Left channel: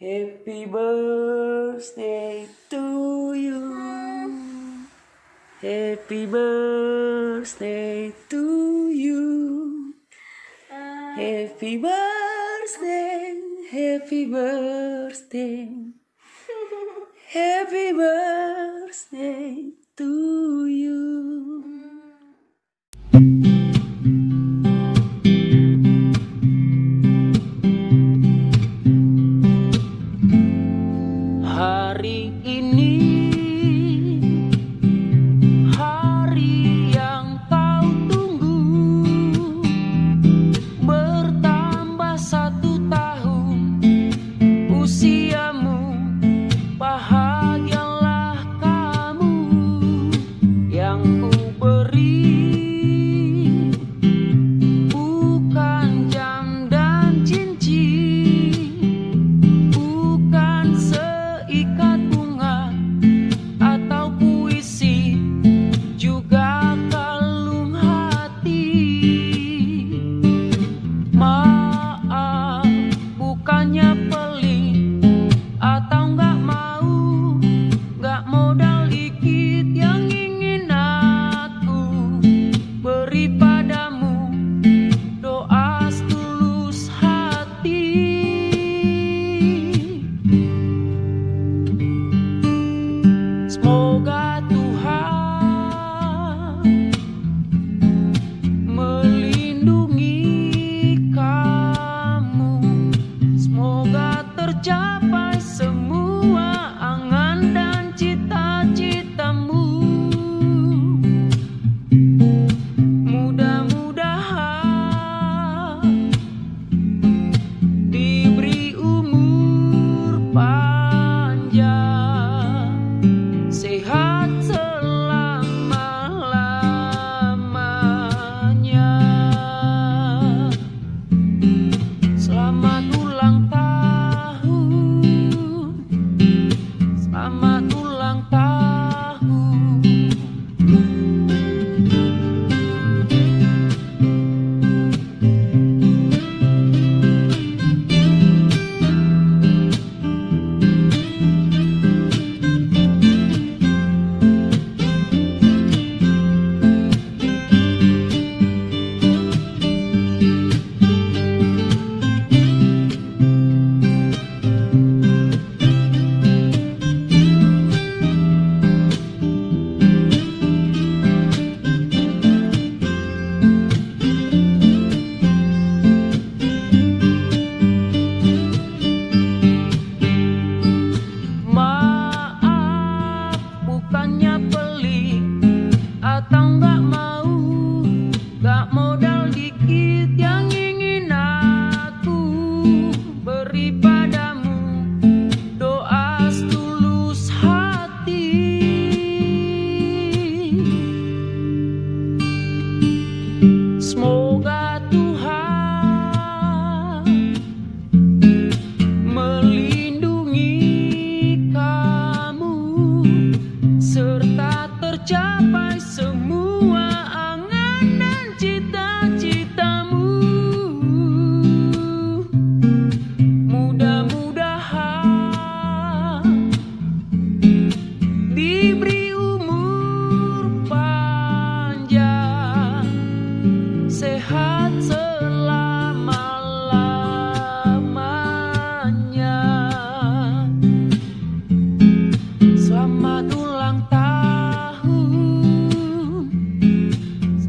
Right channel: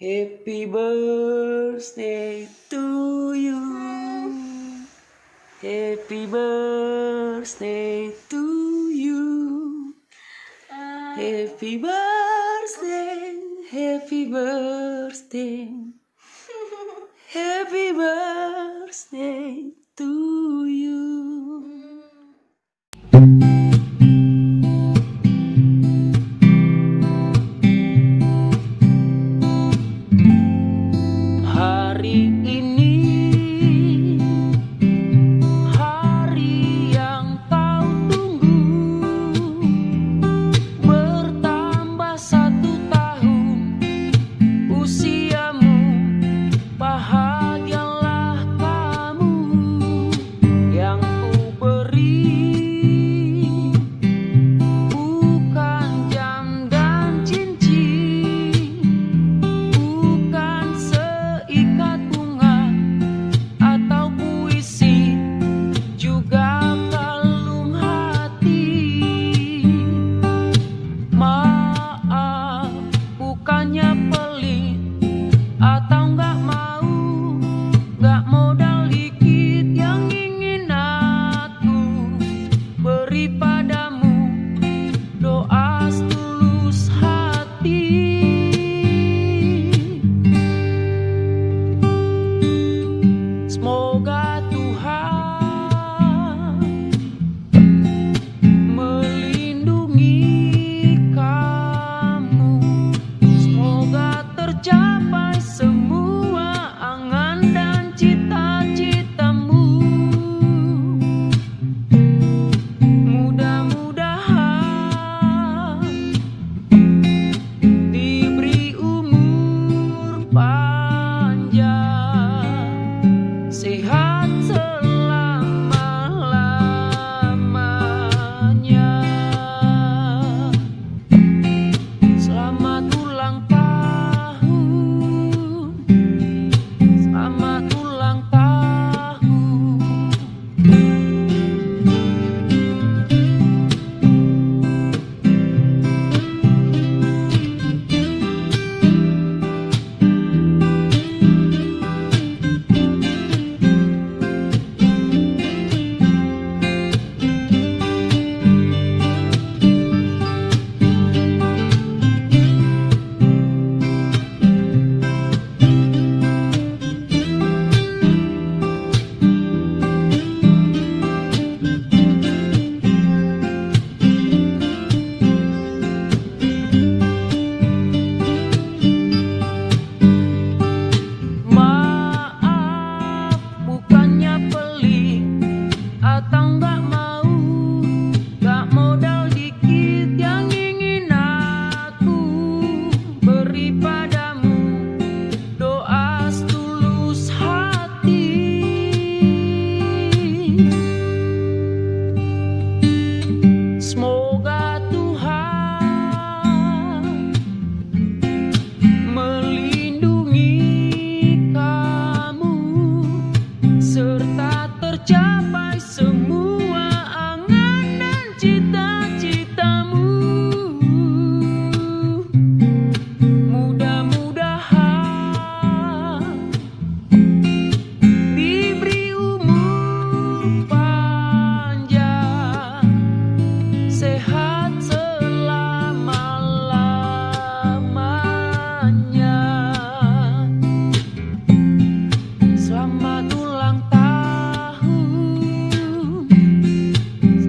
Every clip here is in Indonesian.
Happy birthday to you. Happy birthday to you. Happy birthday, happy birthday. Happy birthday to you. Hari ini hari yang kau tunggu, bertambah 1 tahun usiamu. Bahagialah kamu yang ku beri, bukan jam dan cincin, bukan seikat bunga atau puisi, juga kalung hati. Maaf, bukannya pelit atau nggak modal dikit yang ingin aku beri padamu, doa setulus hati. Semoga Tuhan melindungi kamu, semoga tercapai semua angan dan cita-citamu. Mudah-mudahan diberi umur panjang, sehat selama-lamanya. Selamat ulang tahun, selamat ulang tahun. Atau nggak modal dikit yang ingin aku beri padamu, doa setulus hati. Semoga Tuhan melindungi kamu serta tercapai semua angan dan cita-citamu. Mudah-mudahan diberi umur panjang, sehat selama-lamanya. Selamat ulang tahun,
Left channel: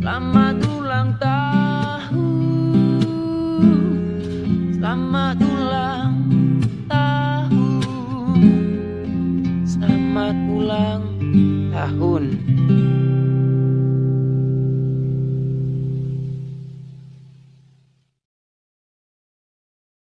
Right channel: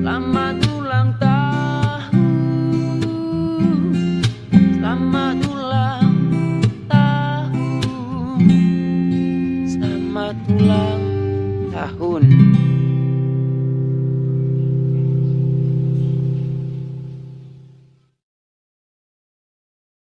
selamat ulang tahun, selamat ulang tahun, selamat ulang tahun.